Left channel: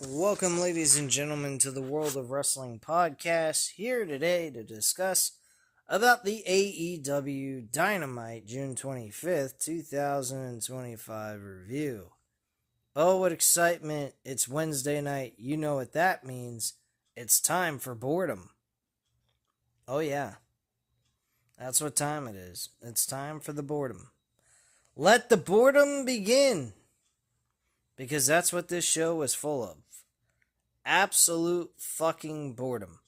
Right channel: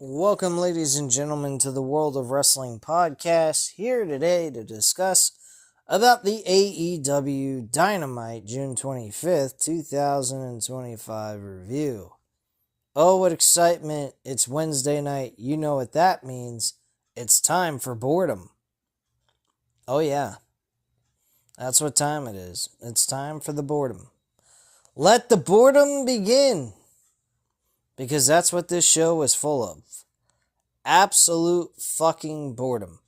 Welcome, ladies and gentlemen, to the World of Wrestling podcast. Here today to discuss about the AEW Dynamite June 25th, 2025 review. Oh, what excitement. It's Wednesday night. You know what that means. It's time for boredom. Oh, yeah. That's what time it is. It's time for the boredom. Let the boredom begin. Because that's what this show was full of. Absolute fucking boredom.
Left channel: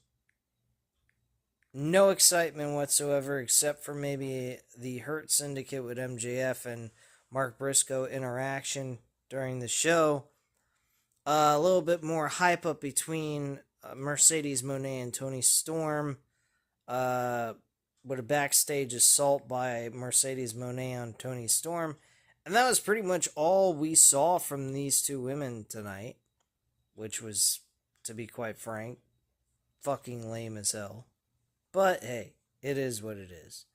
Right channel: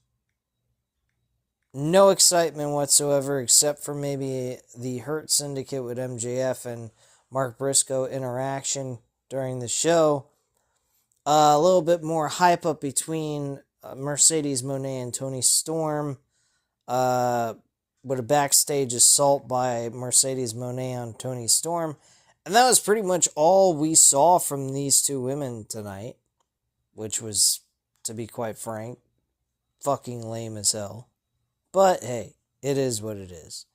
No excitement whatsoever, except for maybe the Hurt Syndicate with MJF and Mark Briscoe interaction during the show. A little bit more hype up between Mercedes Moné and Toni Storm, with a backstage assault by Mercedes Moné on Toni Storm. And that was pretty much all we saw from these two women tonight, which was, to be quite frank, fucking lame as hell. But hey, it is what it is.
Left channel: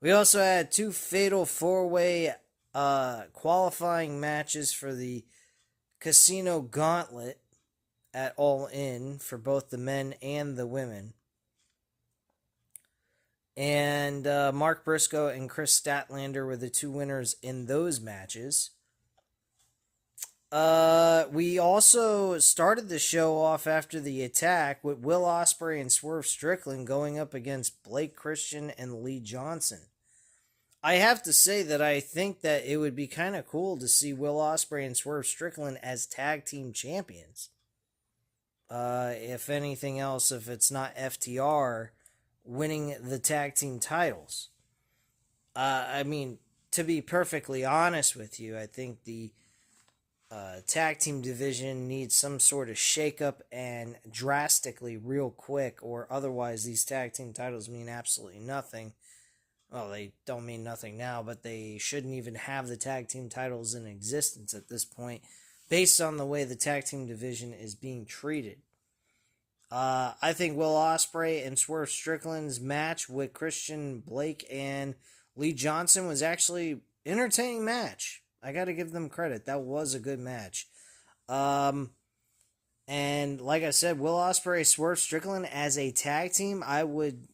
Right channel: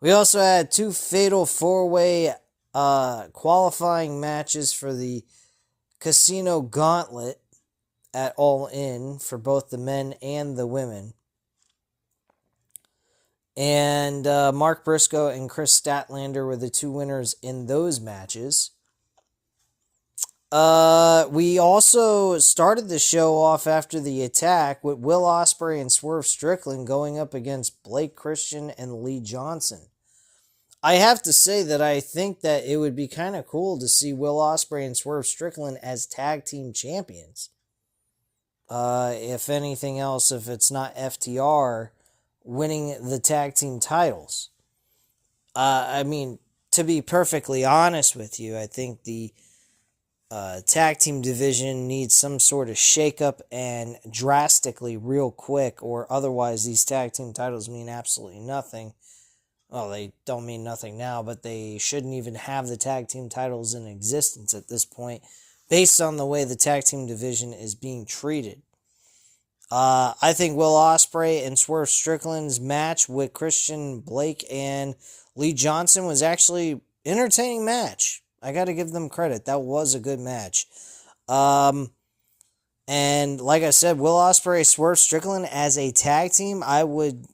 We also had two fatal four-way qualifying matches for the Casino Gauntlet at All In for both the men and the women. And Mark Briscoe and Chris Statlander were the two winners in those matches. We also started the show off after the attack with Will Ospreay and Swerve Strickland going up against Blake Christian and Lee Johnson. I have to say that I think that it would be kind of cool to see Will Ospreay and Swerve Strickland as tag team champions. If anything else, if it's not FTR winning the tag team titles. I mean, to be perfectly honest with you, I think the tag team division needs some sort of shakeup and drastically real quick, or otherwise these tag team titles mean absolutely nothing. Well, they don't mean nothing now, but they shouldn't even have the tag team titles in existence at this point, based on the way the tag team division is being treated. I think Will Ospreay and Swerve Strickland's match with Christian, Blake, and Lee Johnson was actually an entertaining match. I got to give them credit. That was a good match. And like I said, Will Ospreay, Swerve Strickland as a tag team, I would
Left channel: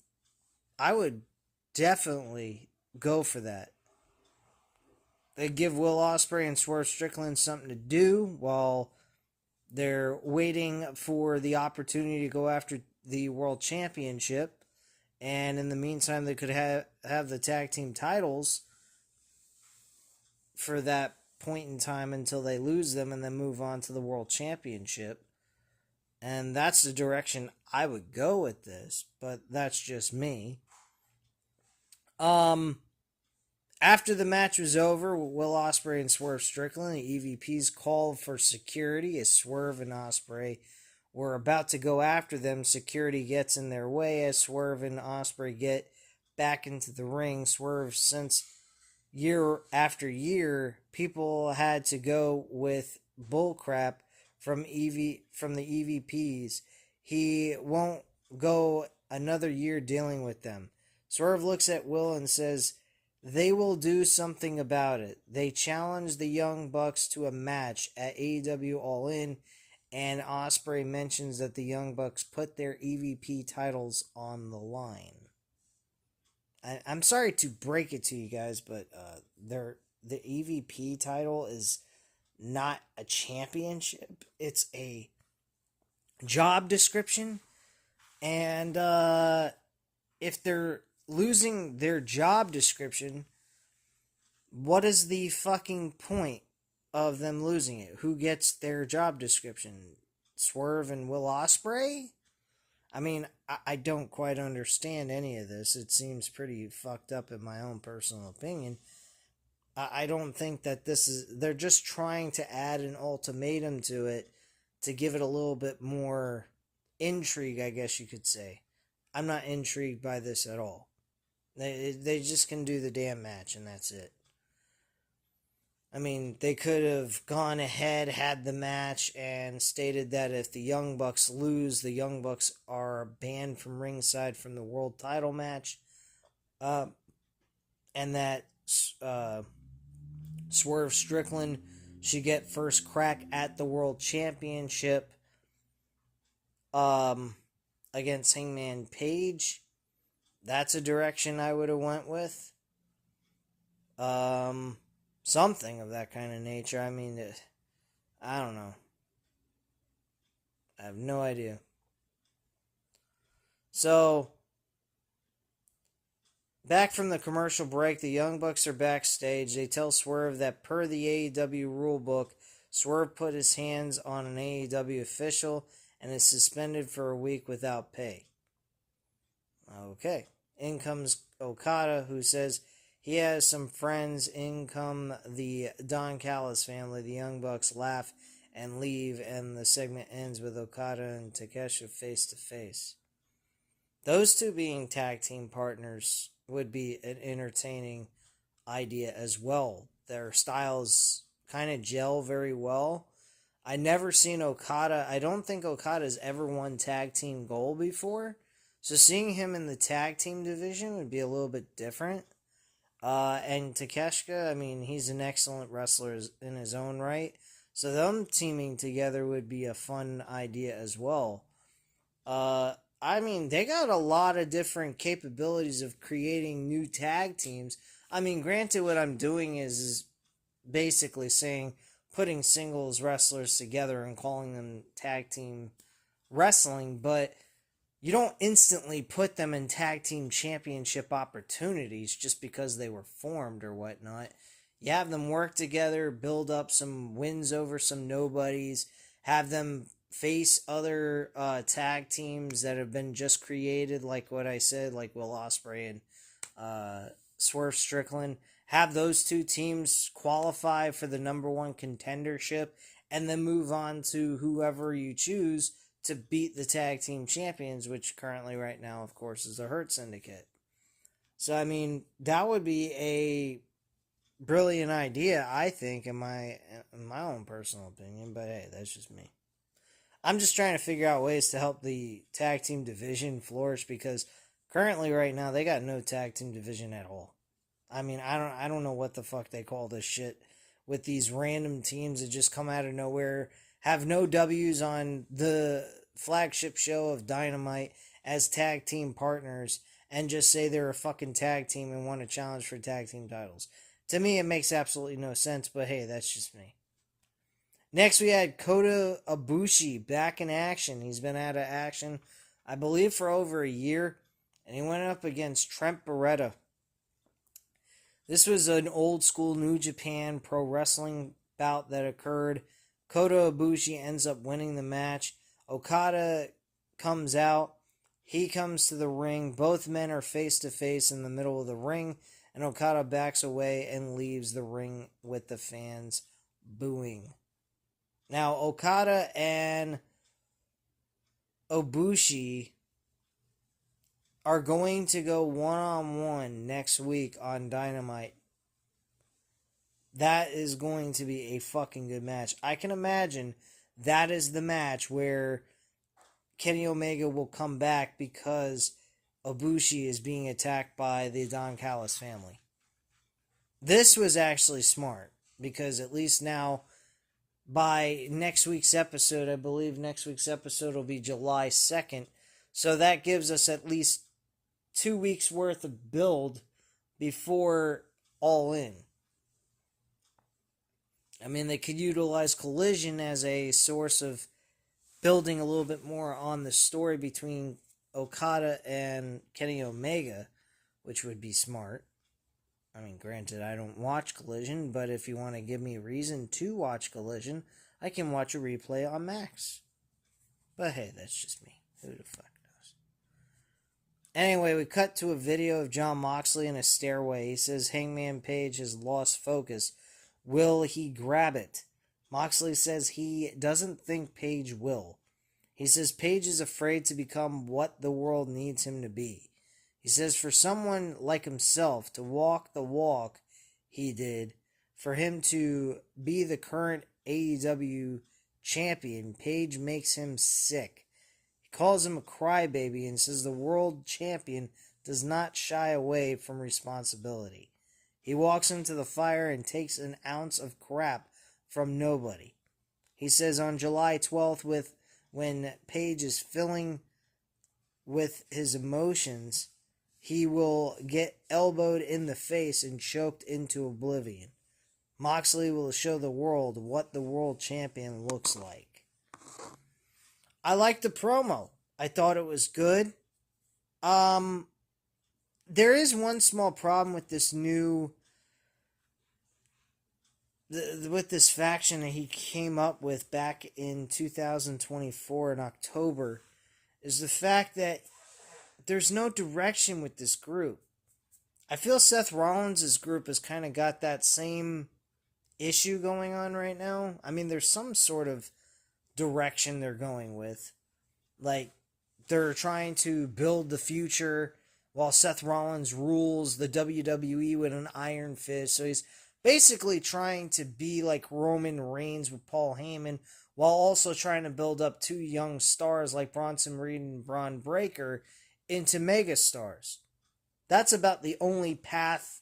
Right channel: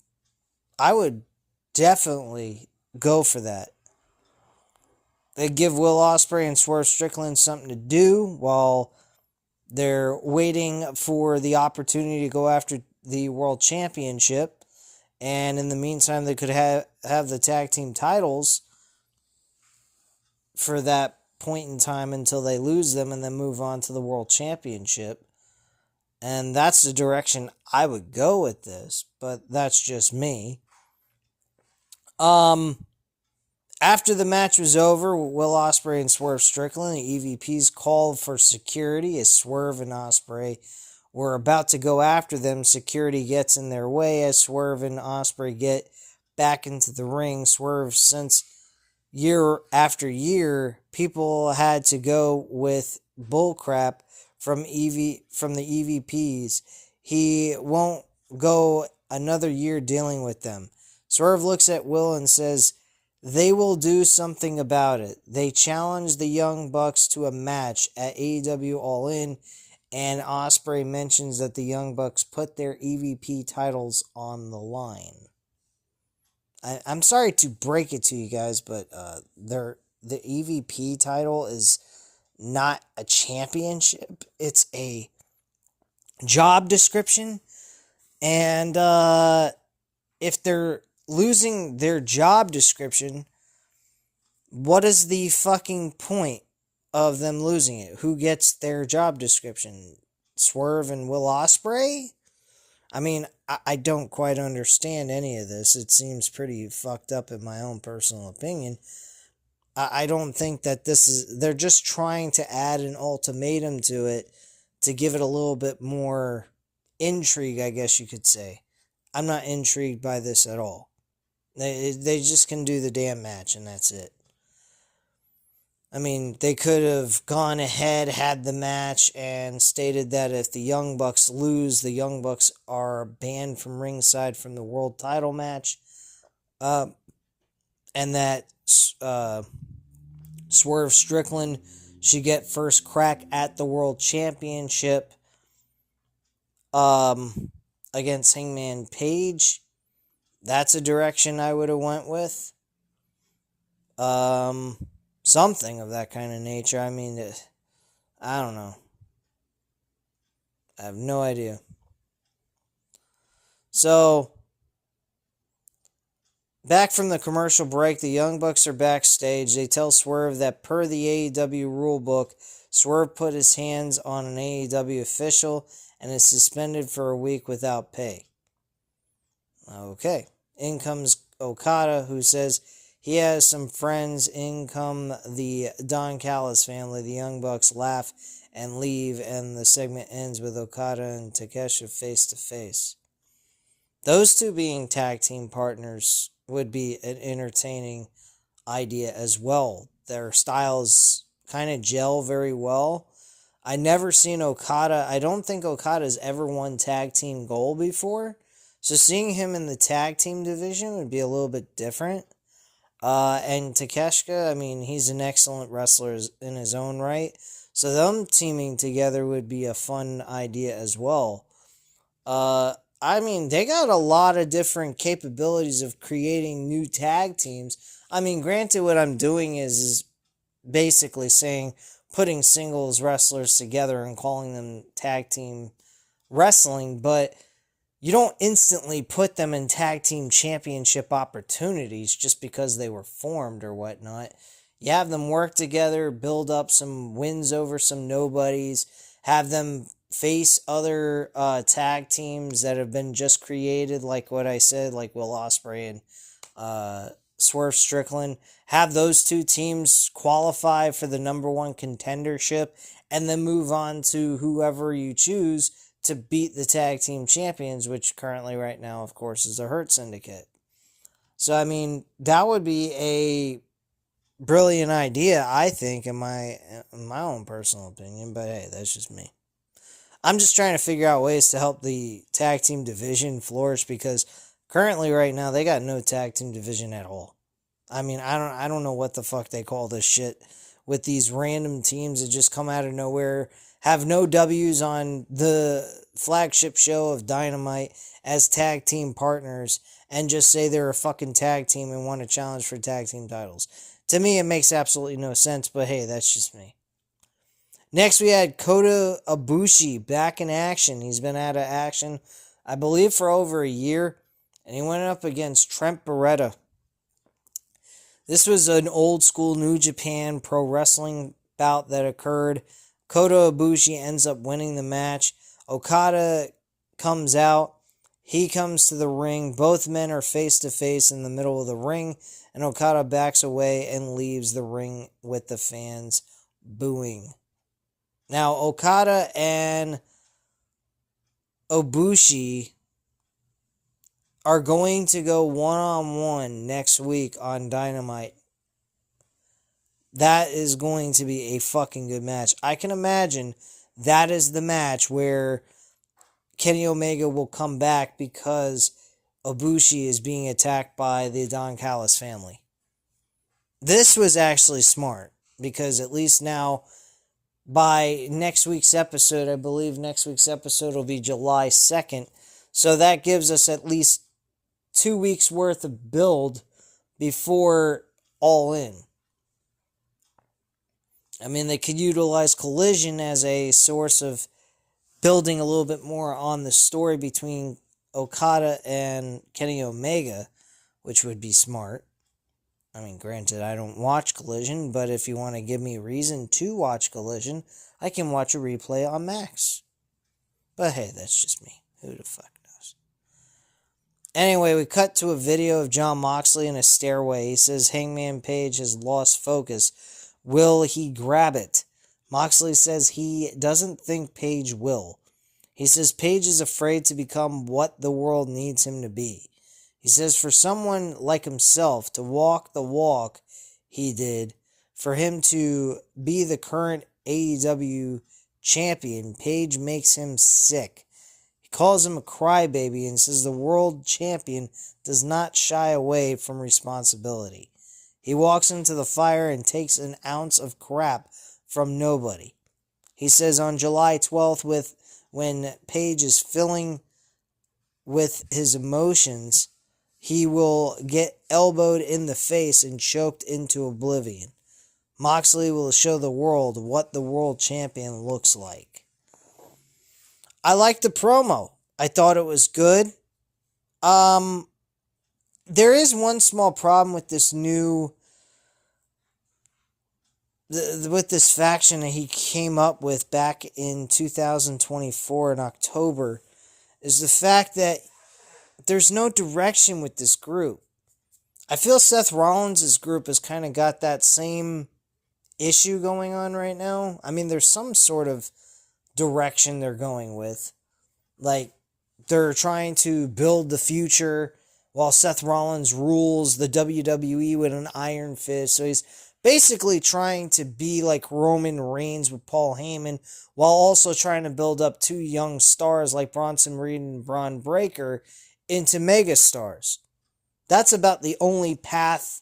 definitely go for that. They give Will Ospreay and Swerve Strickland something to do while they're waiting for the opportunity to go after the World Championship. And in the meantime, they could have the tag team titles for that point in time until they lose them and then move on to the World Championship. And that's the direction I would go with this, but that's just me. After the match was over, Will Ospreay and Swerve Strickland, the EVPs called for security as Swerve and Ospreay were about to go after them. Security gets in their way as Swerve and Ospreay get back into the ring. Swerve, since year after year, people had to go with bullcrap from the EVPs. He won't go another year dealing with them. Swerve looks at Will and says, "They will do something about it." They challenge the Young Bucks to a match at AEW All In, and Ospreay mentions that the Young Bucks put their EVP titles on the line. I'm sorry to break it to you guys, but the EVP title is not a championship. It's a job description. And if they're losing their job description, what is the fucking point of them losing it? Who gets their job description? Swerve and Will Ospreay? I mean, I don't quite understand any of this. It seems pretty fucked up in my own personal opinion. I don't think that they're just trying to add an ultimatum to it to give it a little bit more intrigue, I guess you could say. I'm not intrigued by this at all. They just can do the damn match and that's it. I mean, they could have gone ahead, had the match, and stated that if the Young Bucks lose, the Young Bucks are banned from ringside from the world title match. And that Swerve Strickland should get first crack at the World Championship against Hangman Page. That's a direction I would have went with. Something of that kind of nature. I mean, I don't know. I have no idea. So, back from the commercial break, the Young Bucks are backstage. They tell Swerve that per the AEW rulebook, Swerve put his hands on an AEW official and is suspended for a week without pay. Okay. In comes Okada, who says he has some friends. In come the Don Callis family. The Young Bucks laugh and leave, and the segment ends with Okada and Takeshita face to face. Those two being tag team partners would be an entertaining idea as well. Their styles kind of gel very well. I never seen Okada. I don't think Okada's ever won tag team gold before. So seeing him in the tag team division would be a little bit different. And Takeshita, I mean, he's an excellent wrestler in his own right. So them teaming together would be a fun idea as well. I mean, they got a lot of different capabilities of creating new tag teams. I mean, granted, what I'm doing is basically saying putting singles wrestlers together and calling them tag team wrestling, but you don't instantly put them in tag team championship opportunities just because they were formed or whatnot. You have them work together, build up some wins over some nobodies, have them face other tag teams that have been just created, like what I said, like Will Ospreay and Swerve Strickland. Have those two teams qualify for the number one contendership, and then move on to whoever you choose to beat the tag team champions, which currently right now, of course, is the Hurt Syndicate. So, I mean, that would be a brilliant idea, I think, in my own personal opinion, but hey, that's just me. I'm just trying to figure out ways to help the tag team division flourish, because currently right now they got no tag team division at all. I mean, I don't know what the fuck they call this shit with these random teams that just come out of nowhere, have no W's on the flagship show of Dynamite as tag team partners, and just say they're a fucking tag team and want to challenge for tag team titles. To me, it makes absolutely no sense, but hey, that's just me. Next, we had Kota Ibushi back in action. He's been out of action, I believe, for over a year, and he went up against Trent Beretta. This was an old school New Japan pro wrestling bout that occurred. Kota Ibushi ends up winning the match. Okada comes out. He comes to the ring. Both men are face to face in the middle of the ring, and Okada backs away and leaves the ring with the fans booing. Now, Okada and Ibushi are going to go one-on-one next week on Dynamite. That is going to be a fucking good match. I can imagine that is the match where Kenny Omega will come back because Ibushi is being attacked by the Don Callis family. This was actually smart, because at least now, by next week's episode, I believe next week's episode will be July 2nd, so that gives us at least 2 weeks worth of build before All In. I mean, they could utilize Collision as a source of building a little bit more on the story between Okada and Kenny Omega, which would be smart. I mean, granted, I don't watch Collision, but if you want to give me a reason to watch Collision, I can watch a replay on Max. But hey, that's just me. Who the fuck knows? Anyway, we cut to a video of Jon Moxley in a stairway. He says Hangman Page has lost focus. Will he grab it? Moxley says he doesn't think Page will. He says Page is afraid to become what the world needs him to be. He says for someone like himself to walk the walk he did, for him to be the current AEW champion, Page makes him sick. He calls him a crybaby and says the world champion does not shy away from responsibility. He walks into the fire and takes an ounce of crap from nobody. He says on July 12th, when Page is filling with his emotions, he will get elbowed in the face and choked into oblivion. Moxley will show the world what the world champion looks like. I liked the promo. I thought it was good. There is one small problem with this with this faction that he came up with back in 2024 in October, is the fact that there's no direction with this group. I feel Seth Rollins' group has kind of got that same issue going on right now. I mean, there's some sort of direction they're going with. Like, they're trying to build the future while Seth Rollins rules the WWE with an iron fist. So he's basically trying to be like Roman Reigns with Paul Heyman, while also trying to build up two young stars like Bronson Reed and Braun Breaker into megastars. That's about the only path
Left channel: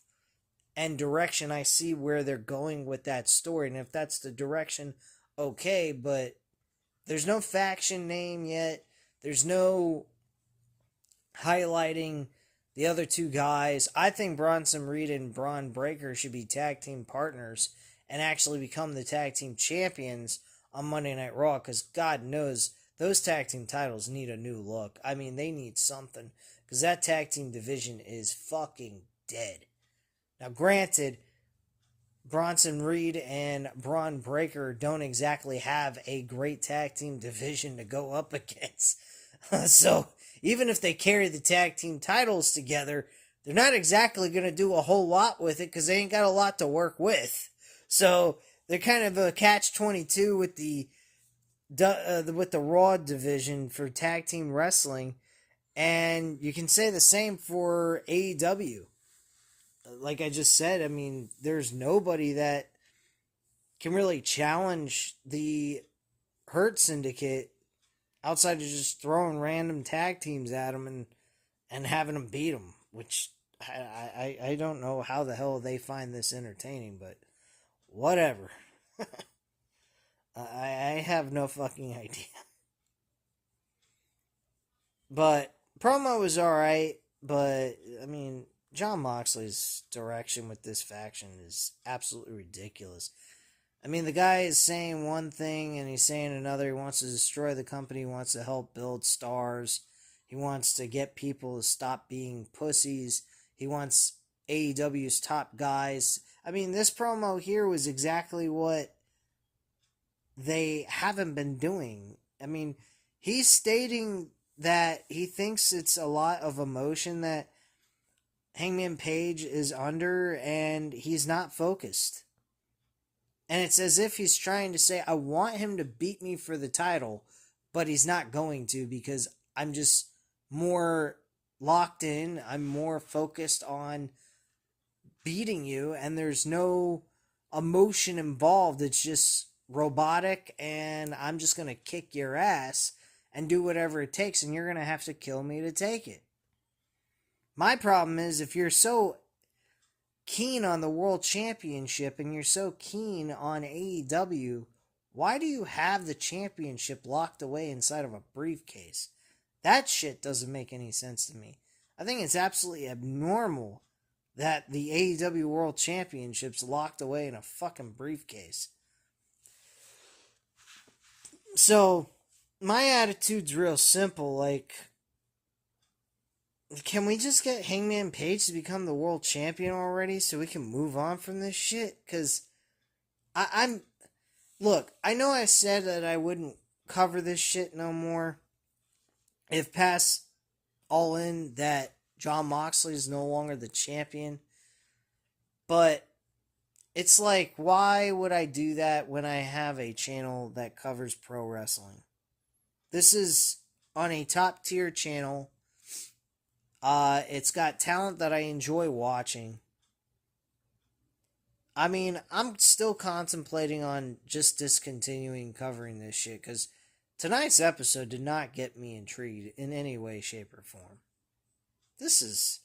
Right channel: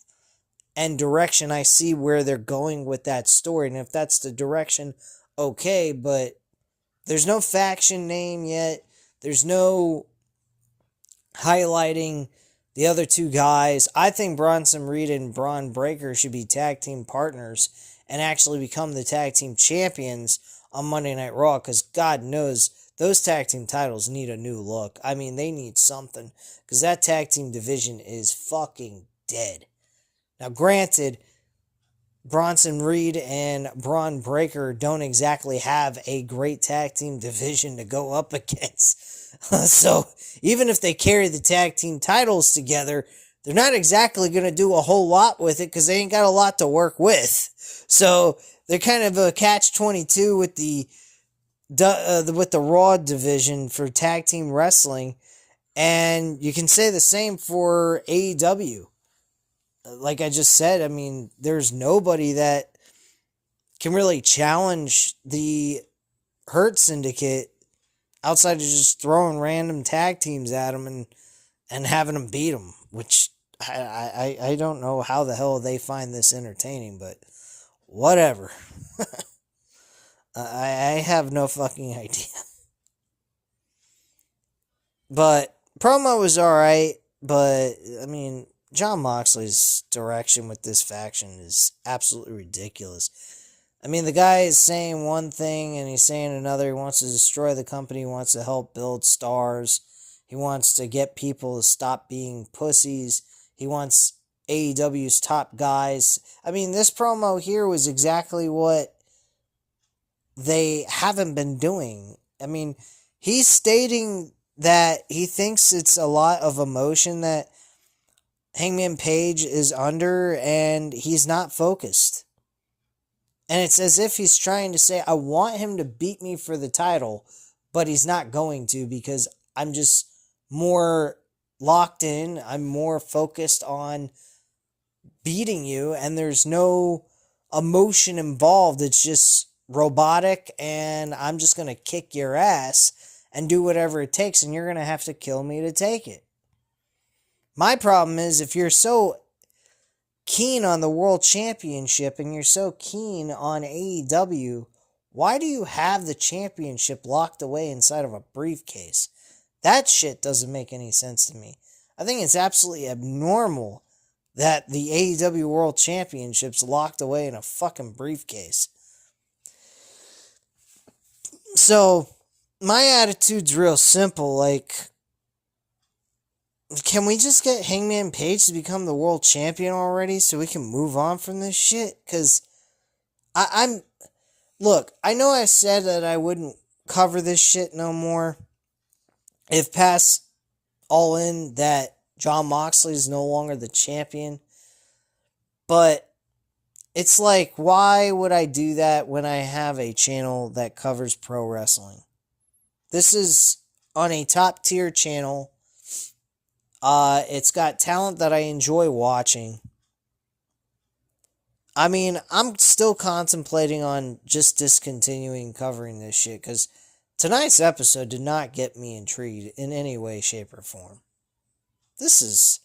and direction I see where they're going with that story. And if that's the direction, okay, but there's no faction name yet. There's no highlighting the other two guys. I think Bronson Reed and Braun Breaker should be tag team partners and actually become the tag team champions on Monday Night Raw, because God knows those tag team titles need a new look. I mean, they need something, because that tag team division is fucking dead. Now, granted, Bronson Reed and Braun Breaker don't exactly have a great tag team division to go up against. So, even if they carry the tag team titles together, they're not exactly going to do a whole lot with it, because they ain't got a lot to work with. So, they're kind of a catch-22 with the Raw division for tag team wrestling. And you can say the same for AEW. Like I just said, I mean, there's nobody that can really challenge the Hurt Syndicate outside of just throwing random tag teams at them and having them beat them, which I don't know how the hell they find this entertaining, but whatever. I have no fucking idea. But promo was alright, but I mean, Jon Moxley's direction with this faction is absolutely ridiculous. I mean, the guy is saying one thing and he's saying another. He wants to destroy the company. He wants to help build stars. He wants to get people to stop being pussies. He wants AEW's top guys. I mean, this promo here was exactly what they haven't been doing. I mean, he's stating that he thinks it's a lot of emotion that Hangman Page is under, and he's not focused. And it's as if he's trying to say, I want him to beat me for the title, but he's not going to, because I'm just more locked in. I'm more focused on beating you, and there's no emotion involved. It's just robotic, and I'm just going to kick your ass and do whatever it takes, and you're going to have to kill me to take it. My problem is, if you're so keen on the World Championship and you're so keen on AEW, why do you have the championship locked away inside of a briefcase? That shit doesn't make any sense to me. I think it's absolutely abnormal that the AEW World Championship's locked away in a fucking briefcase. So, my attitude's real simple, like, can we just get Hangman Page to become the world champion already so we can move on from this shit? Because look, I know I said that I wouldn't cover this shit no more if past All In that Jon Moxley is no longer the champion. But it's like, why would I do that when I have a channel that covers pro wrestling? This is on a top tier channel. It's got talent that I enjoy watching. I mean, I'm still contemplating on just discontinuing covering this shit, because tonight's episode did not get me intrigued in any way, shape, or form. This is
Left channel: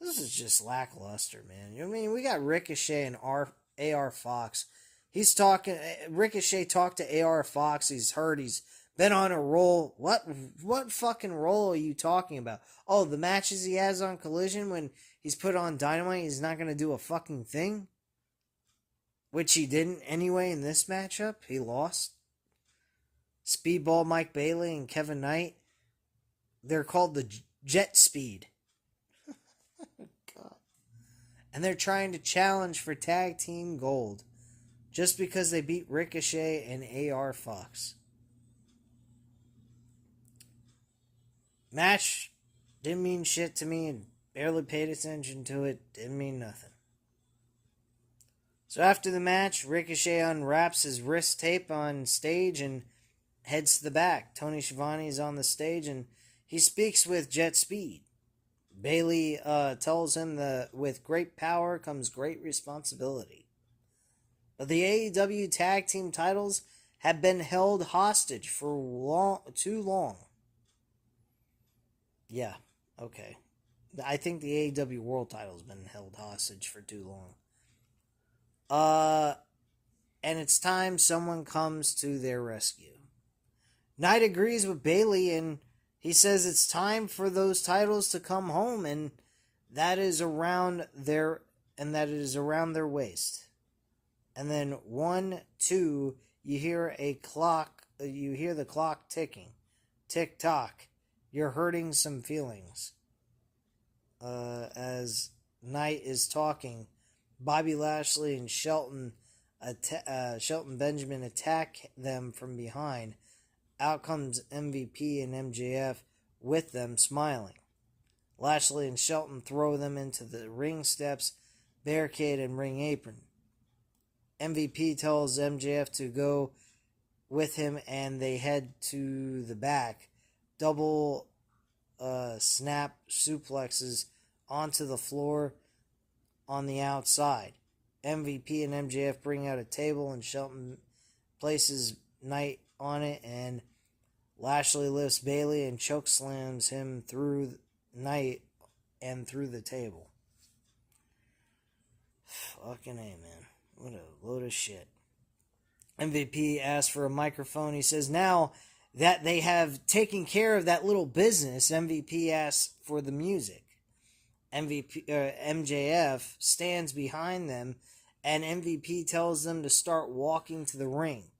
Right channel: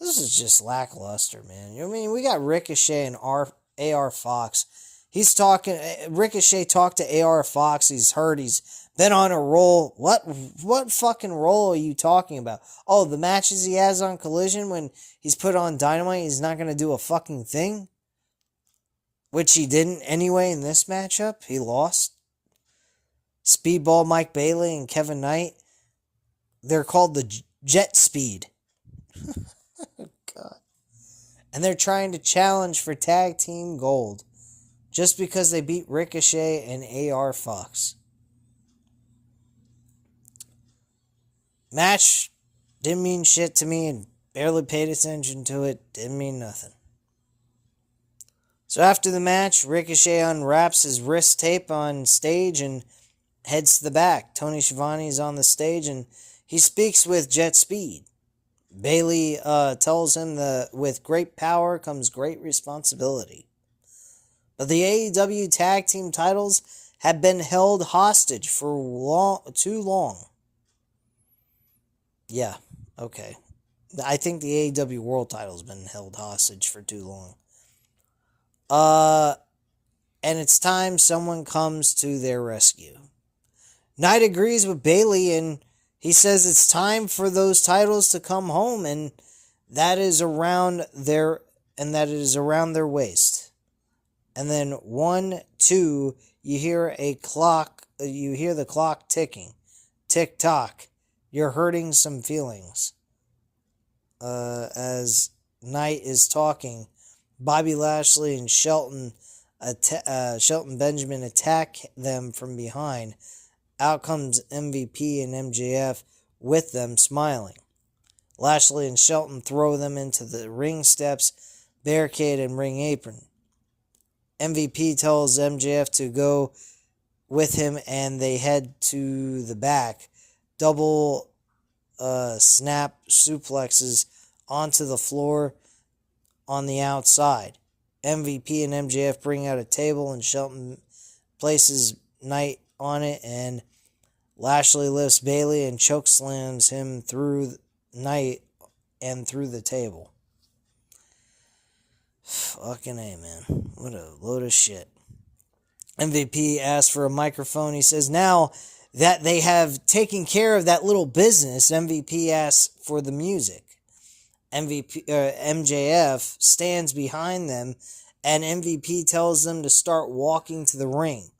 just lackluster, man. I mean, we got Ricochet and AR Fox He's talking. Ricochet talked to AR Fox. He's heard he's been on a roll. What fucking roll are you talking about? Oh, the matches he has on Collision when he's put on Dynamite, he's not going to do a fucking thing? Which he didn't anyway in this matchup. He lost. Speedball Mike Bailey and Kevin Knight. They're called the Jet Speed. God. And they're trying to challenge for tag team gold. Just because they beat Ricochet and AR Fox. Match didn't mean shit to me and barely paid attention to it. Didn't mean nothing. So after the match, Ricochet unwraps his wrist tape on stage and heads to the back. Tony Schiavone is on the stage and he speaks with Jet Speed. Bailey tells him that with great power comes great responsibility. But the AEW tag team titles have been held hostage for too long. Yeah, okay. I think the AEW World title's been held hostage for too long. And it's time someone comes to their rescue. Knight agrees with Bailey and he says it's time for those titles to come home and that is around their waist. And then 1, 2, you hear the clock ticking. Tick tock. You're hurting some feelings. As Knight is talking, Bobby Lashley and Shelton Benjamin attack them from behind. Out comes MVP and MJF with them smiling. Lashley and Shelton throw them into the ring steps, barricade, and ring apron. MVP tells MJF to go with him and they head to the back. Double snap suplexes onto the floor on the outside. MVP and MJF bring out a table and Shelton places Knight on it and Lashley lifts Bailey and chokeslams him through Knight and through the table. Fucking A, man. What a load of shit. MVP asks for a microphone. He says now that they have taken care of that little business, MVP asks for the music. MJF stands behind them and MVP tells them to start walking to the ring.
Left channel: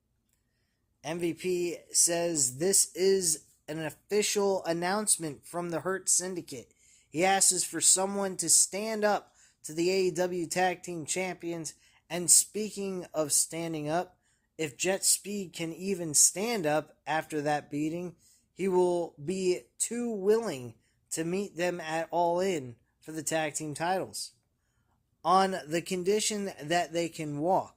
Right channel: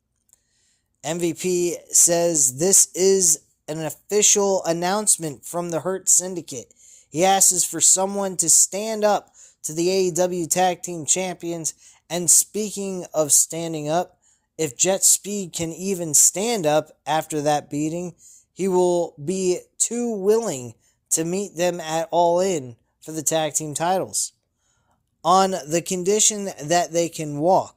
MVP says this is an official announcement from the Hurt Syndicate. He asks for someone to stand up to the AEW Tag Team Champions, and speaking of standing up, if Jet Speed can even stand up after that beating, he will be too willing to meet them at All In for the tag team titles, on the condition that they can walk.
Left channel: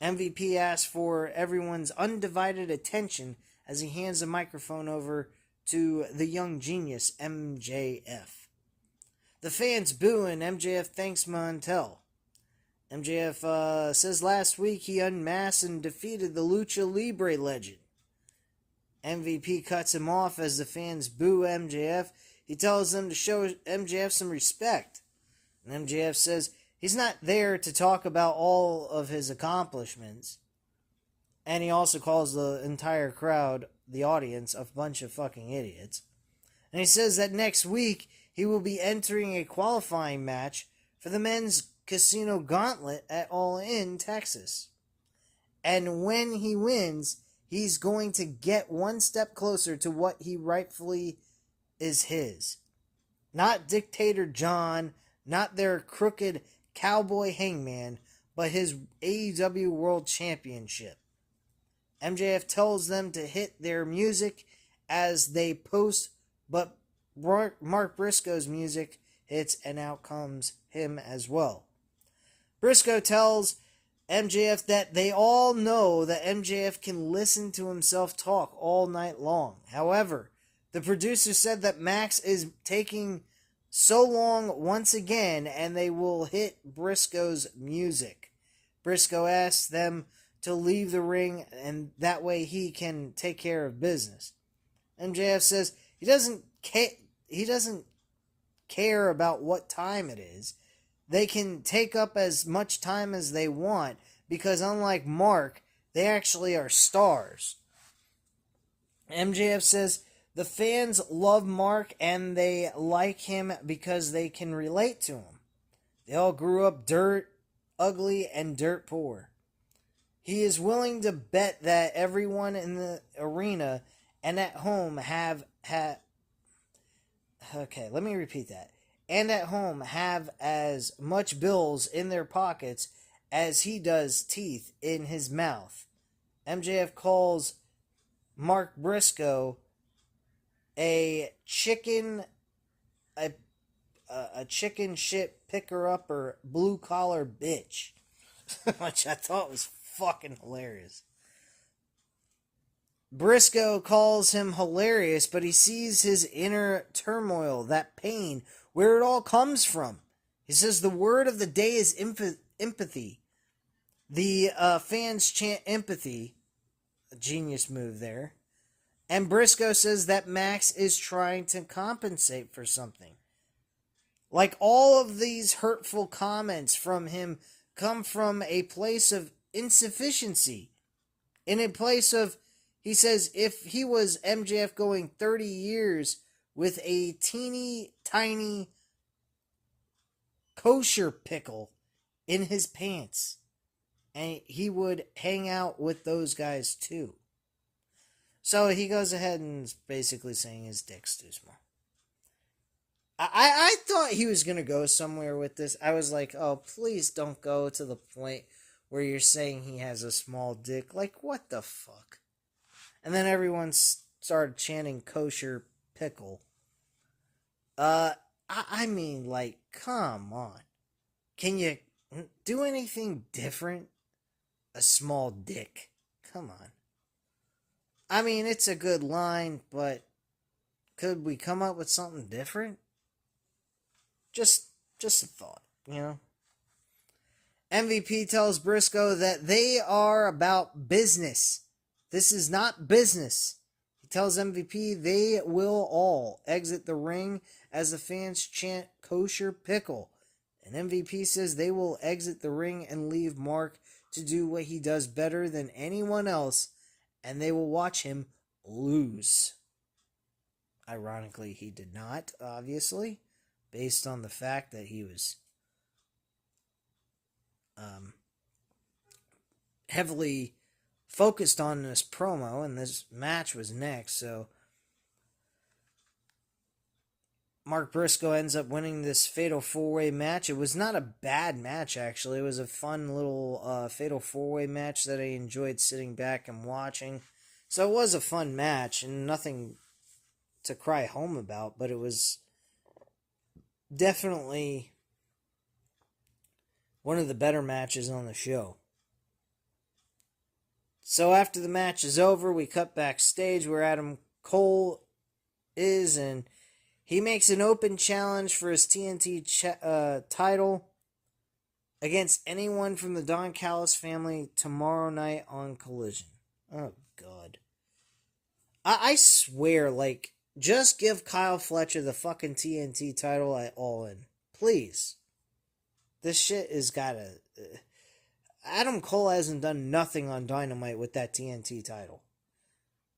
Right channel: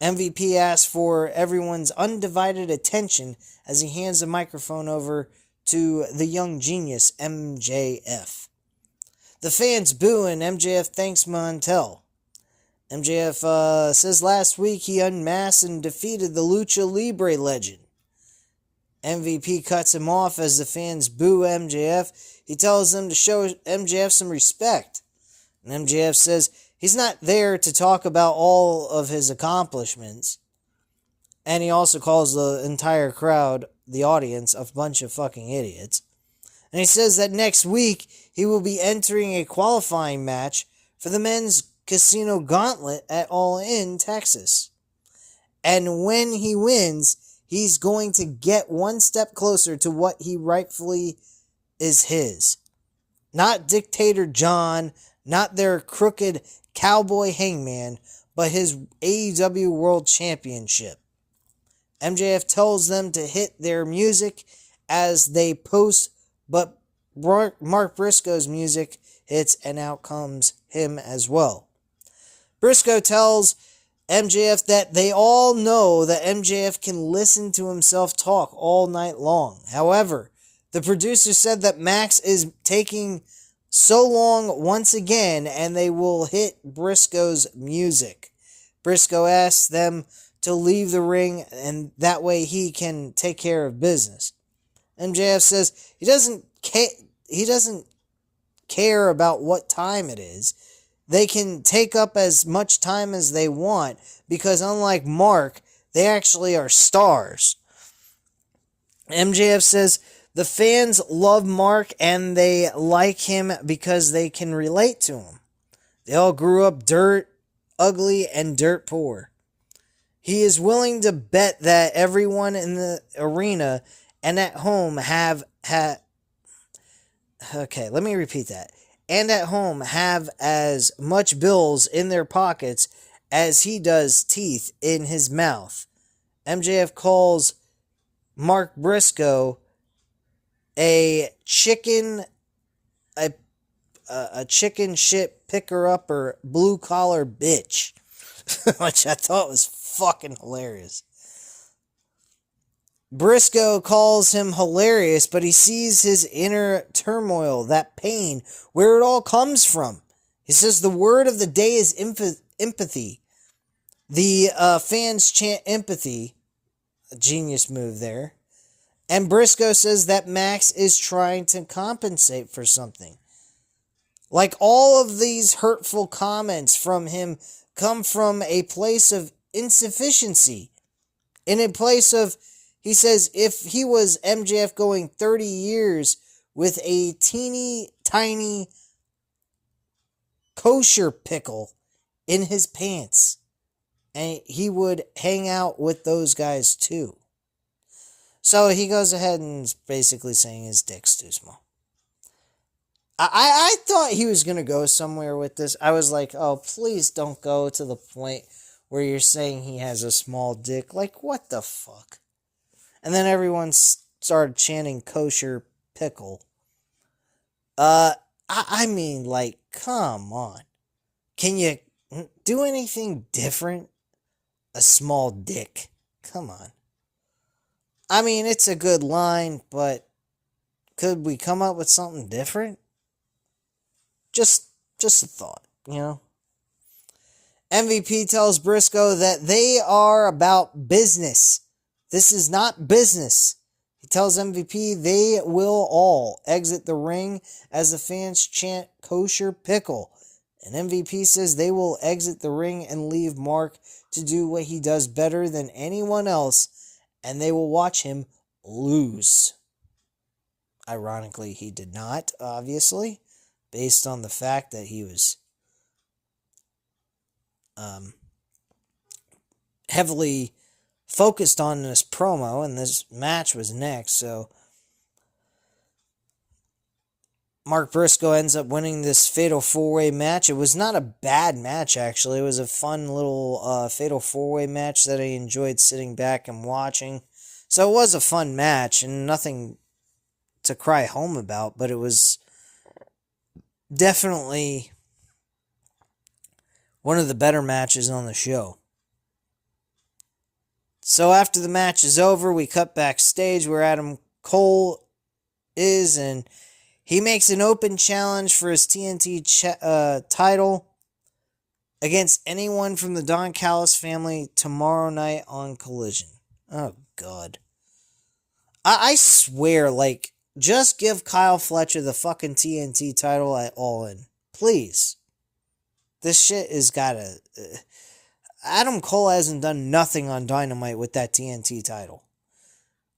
MVP asks for everyone's undivided attention as he hands the microphone over to the young genius MJF. The fans boo and MJF thanks Montel. MJF says last week he unmasked and defeated the Lucha Libre legend. MVP cuts him off as the fans boo MJF. He tells them to show MJF some respect. And MJF says he's not there to talk about all of his accomplishments. And he also calls the entire crowd, the audience, a bunch of fucking idiots. And he says that next week he will be entering a qualifying match for the men's casino gauntlet at All In, Texas. And when he wins, he's going to get one step closer to what he rightfully is his. Not Dictator John, not their crooked cowboy Hangman, but his AEW World Championship. MJF tells them to hit their music as they post, but Mark Briscoe's music hits and out comes him as well. Briscoe tells MJF that they all know that MJF can listen to himself talk all night long. However, the producer said that Max is taking so long once again and they will hit Briscoe's music. Briscoe asks them to leave the ring and that way he can take care of business. MJF says he doesn't care about what time it is. They can take up as much time as they want, because unlike Mark, they actually are stars. MJF says the fans love Mark and they like him because they can relate to him. They all grew up dirt, ugly, and dirt poor. He is willing to bet that everyone in the arena and at home okay, let me repeat that. And at home have as much bills in their pockets as he does teeth in his mouth. MJF calls Mark Briscoe a chicken shit picker upper blue collar bitch, which I thought was fucking hilarious. Briscoe calls him hilarious, but he sees his inner turmoil, that pain, where it all comes from. He says the word of the day is empathy. The fans chant empathy. A genius move there. And Briscoe says that Max is trying to compensate for something. Like all of these hurtful comments from him come from a place of insufficiency. In a place of, he says, if he was MJF going 30 years with a teeny tiny kosher pickle in his pants, and he would hang out with those guys too. So he goes ahead and is basically saying his dick's too small. I thought he was going to go somewhere with this. I was like, oh, please don't go to the point where you're saying he has a small dick. Like, what the fuck? And then everyone started chanting kosher pickle. I mean, like, come on. Can you do anything different? A small dick. Come on. I mean, it's a good line, but could we come up with something different? Just a thought, you know? MVP tells Briscoe that they are about business. This is not business. He tells MVP they will all exit the ring as the fans chant kosher pickle. And MVP says they will exit the ring and leave Mark to do what he does better than anyone else, and they will watch him lose. Ironically, he did not, obviously, based on the fact that he was heavily focused on this promo, and this match was next, so Mark Briscoe ends up winning this Fatal 4-Way match. It was not a bad match, actually. It was a fun little Fatal 4-Way match that I enjoyed sitting back and watching. So it was a fun match, and nothing to cry home about, but it was definitely one of the better matches on the show. So after the match is over, we cut backstage where Adam Cole is, and he makes an open challenge for his TNT title against anyone from the Don Callis family tomorrow night on Collision. Oh, God. I swear, like, just give Kyle Fletcher the fucking TNT title at All In. Please. This shit has gotta... Adam Cole hasn't done nothing on Dynamite with that TNT title.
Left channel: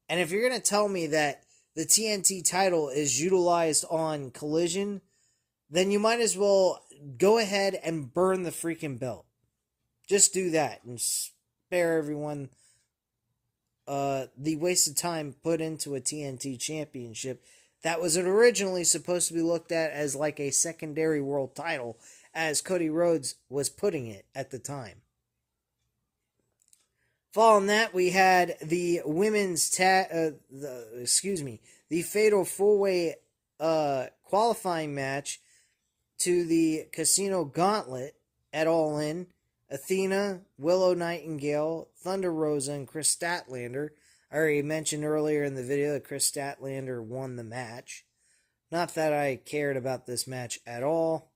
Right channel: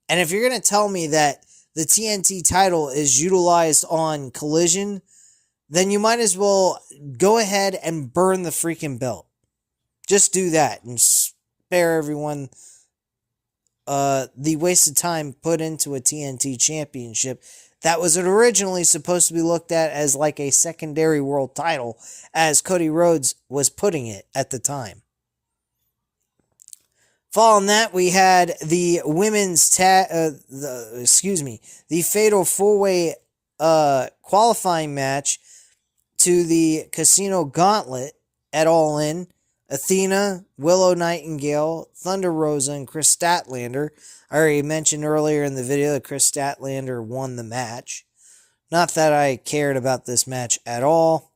And if you're going to tell me that the TNT title is utilized on Collision, then you might as well go ahead and burn the freaking belt. Just do that and spare everyone the wasted time put into a TNT championship that was originally supposed to be looked at as like a secondary world title, as Cody Rhodes was putting it at the time. Following that, we had the women's the Fatal 4-Way qualifying match to the Casino Gauntlet at All In. Athena, Willow Nightingale, Thunder Rosa, and Chris Statlander. I already mentioned earlier in the video that Chris Statlander won the match. Not that I cared about this match at all.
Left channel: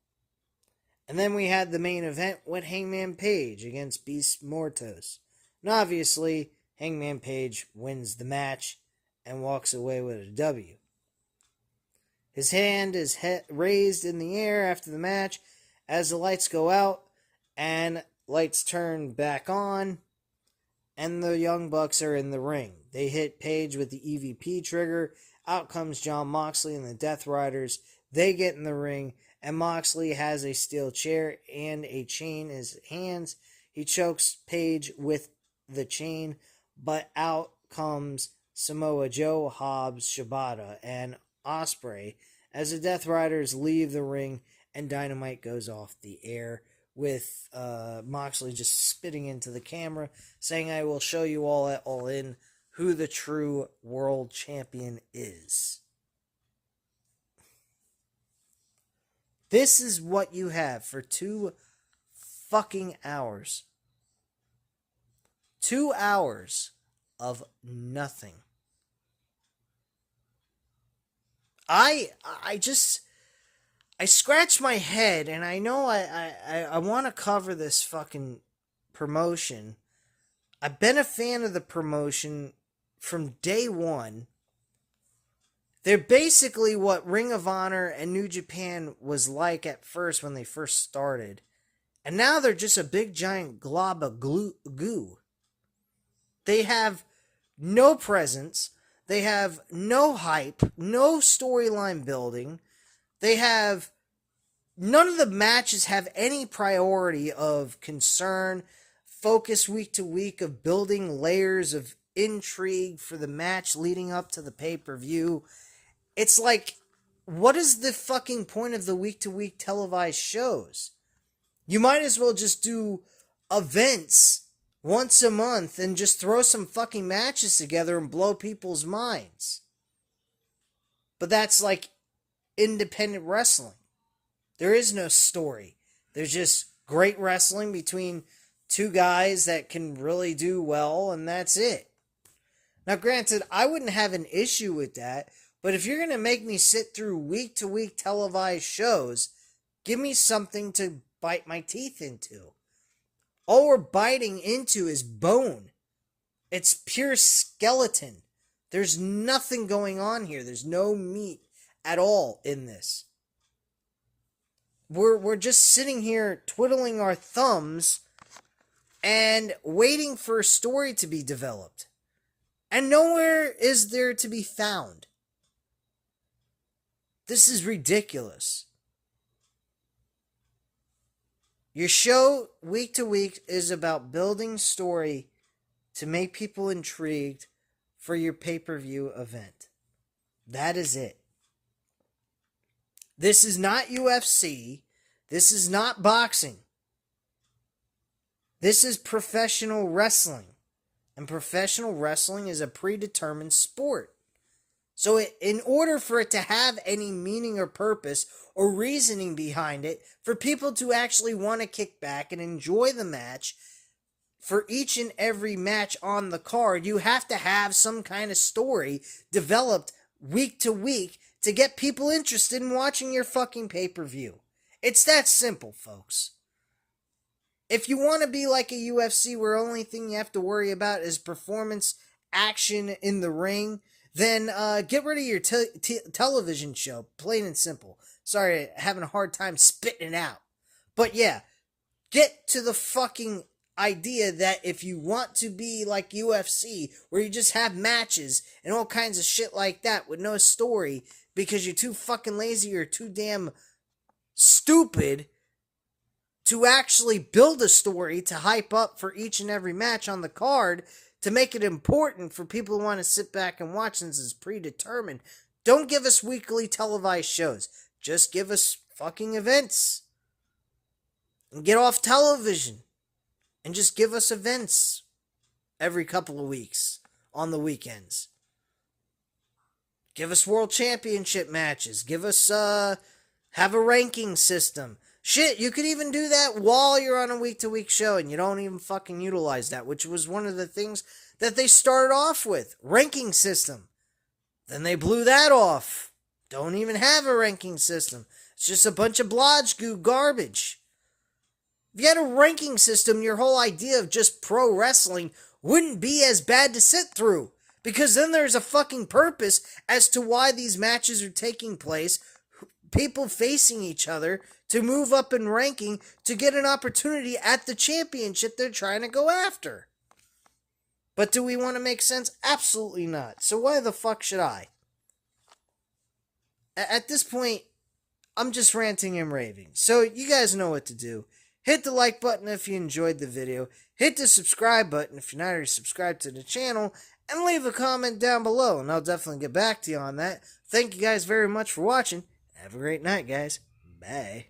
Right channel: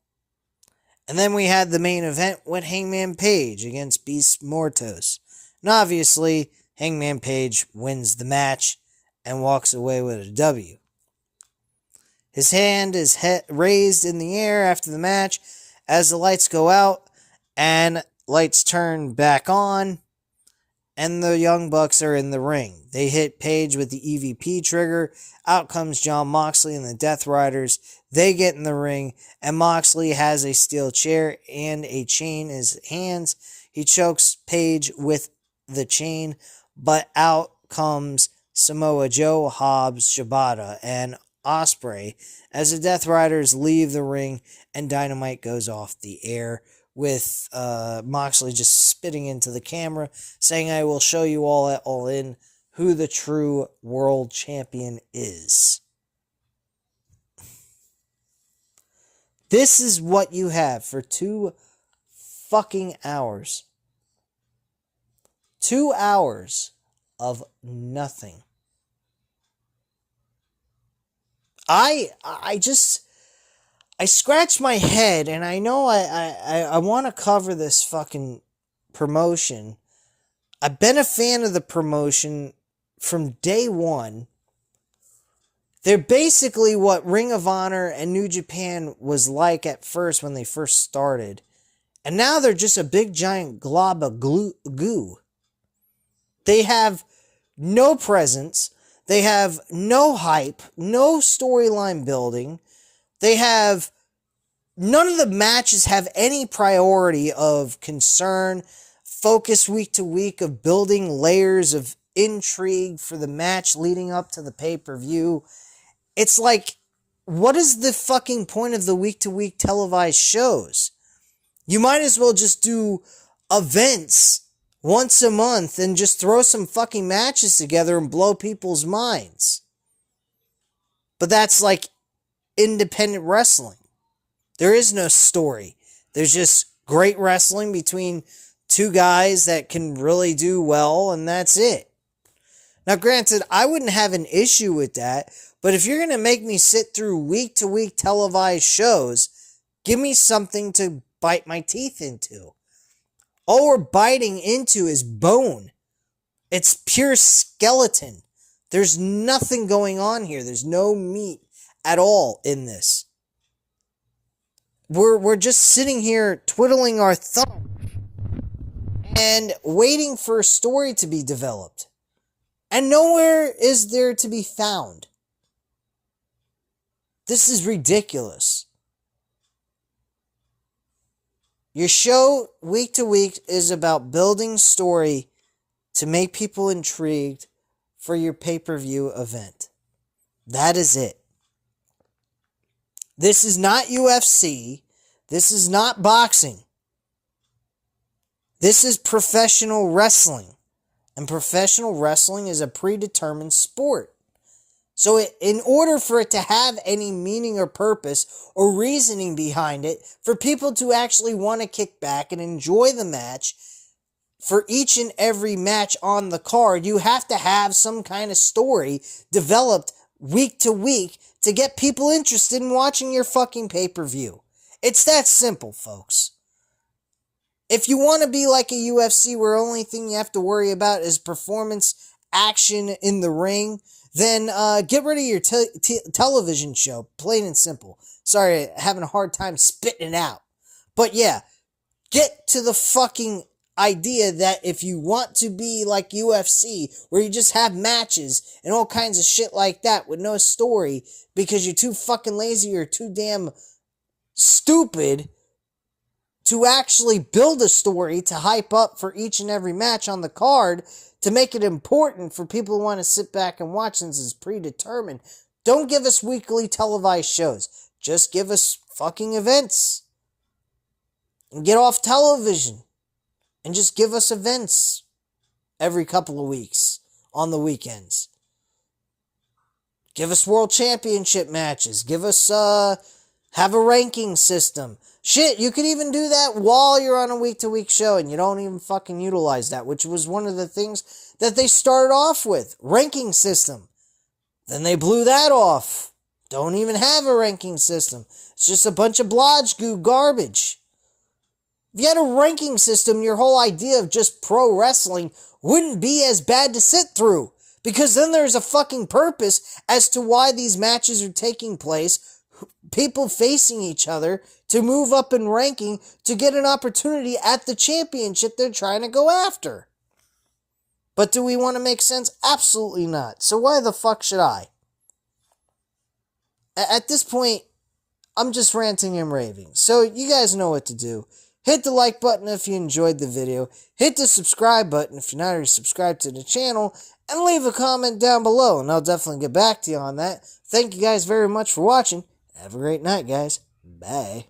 And then we had the main event with Hangman Page against Beast Mortos. And obviously, Hangman Page wins the match and walks away with a W. His hand is raised in the air after the match as the lights go out, and lights turn back on, and the Young Bucks are in the ring. They hit Page with the EVP trigger. Out comes Jon Moxley and the Death Riders. They get in the ring, and Moxley has a steel chair and a chain in his hands. He chokes Page with the chain, but out comes Samoa Joe, Hobbs, Shibata, and Ospreay as the Death Riders leave the ring, and Dynamite goes off the air with Moxley just spitting into the camera, saying, "I will show you all at All In who the true world champion is." This is what you have for 2 fucking hours. 2 hours of nothing. I scratch my head, and I know I want to cover this fucking promotion. I've been a fan of the promotion from day one. They're basically what Ring of Honor and New Japan was like at first when they first started. And now they're just a big giant glob of goo. They have no presence. They have no hype, no storyline building. They have... None of the matches have any priority of concern, focus week to week of building layers of intrigue for the match leading up to the pay-per-view. It's like, what is the fucking point of the week to week televised shows? You might as well just do events once a month and just throw some fucking matches together and blow people's minds. But that's like independent wrestling. There is no story. There's just great wrestling between 2 guys that can really do well, and that's it. Now, granted, I wouldn't have an issue with that, but if you're going to make me sit through week-to-week televised shows, give me something to bite my teeth into. All we're biting into is bone. It's pure skeleton. There's nothing going on here. There's no meat at all in this. We're just sitting here twiddling our thumbs and waiting for a story to be developed. And nowhere is there to be found. This is ridiculous. Your show, week to week, is about building story to make people intrigued for your pay-per-view event. That is it. This is not UFC. This is not boxing. This is professional wrestling. And professional wrestling is a predetermined sport. So in order for it to have any meaning or purpose or reasoning behind it, for people to actually want to kick back and enjoy the match, for each and every match on the card, you have to have some kind of story developed week to week to get people interested in watching your fucking pay-per-view. It's that simple, folks. If you want to be like a UFC where the only thing you have to worry about is performance, action in the ring, then get rid of your television show, plain and simple. Sorry, having a hard time spitting it out. But yeah, get to the fucking idea that if you want to be like UFC, where you just have matches and all kinds of shit like that with no story, because you're too fucking lazy or too damn stupid to actually build a story to hype up for each and every match on the card, to make it important for people who want to sit back and watch since it's predetermined. Don't give us weekly televised shows. Just give us fucking events. And get off television. And just give us events every couple of weeks on the weekends. Give us world championship matches. Give us, have a ranking system. Shit, you could even do that while you're on a week-to-week show and you don't even fucking utilize that, which was one of the things that they started off with. Ranking system. Then they blew that off. Don't even have a ranking system. It's just a bunch of blodge goo garbage. If you had a ranking system, your whole idea of just pro wrestling wouldn't be as bad to sit through. Because then there's a fucking purpose as to why these matches are taking place, people facing each other to move up in ranking to get an opportunity at the championship they're trying to go after. But do we want to make sense? Absolutely not. So why the fuck should I? At this point, I'm just ranting and raving. So you guys know what to do. Hit the like button if you enjoyed the video. Hit the subscribe button if you're not already subscribed to the channel. And leave a comment down below, and I'll definitely get back to you on that. Thank you guys very much for watching. Have a great night, guys. Bye.